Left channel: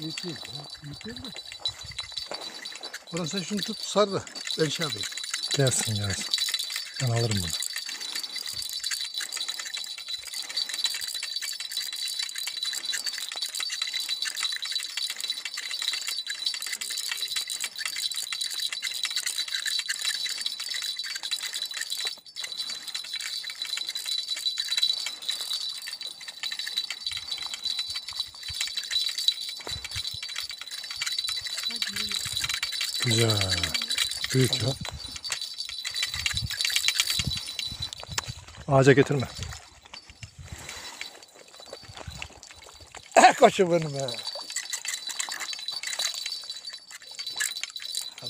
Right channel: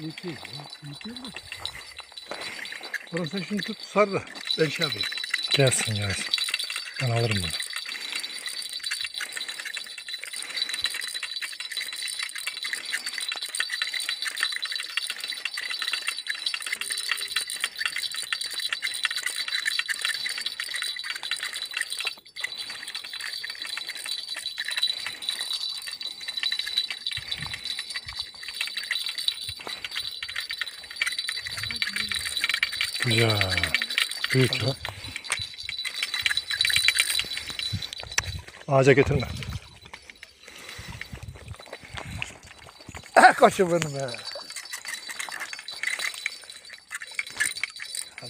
Yeter ya. Yeter de. Orhan sen şunu tut sar da ben şey yapayım. Gelsin gelsin. Ben alırım bunu. Güzel. Büyük ya. Ağaca getirme. Koçum benim be.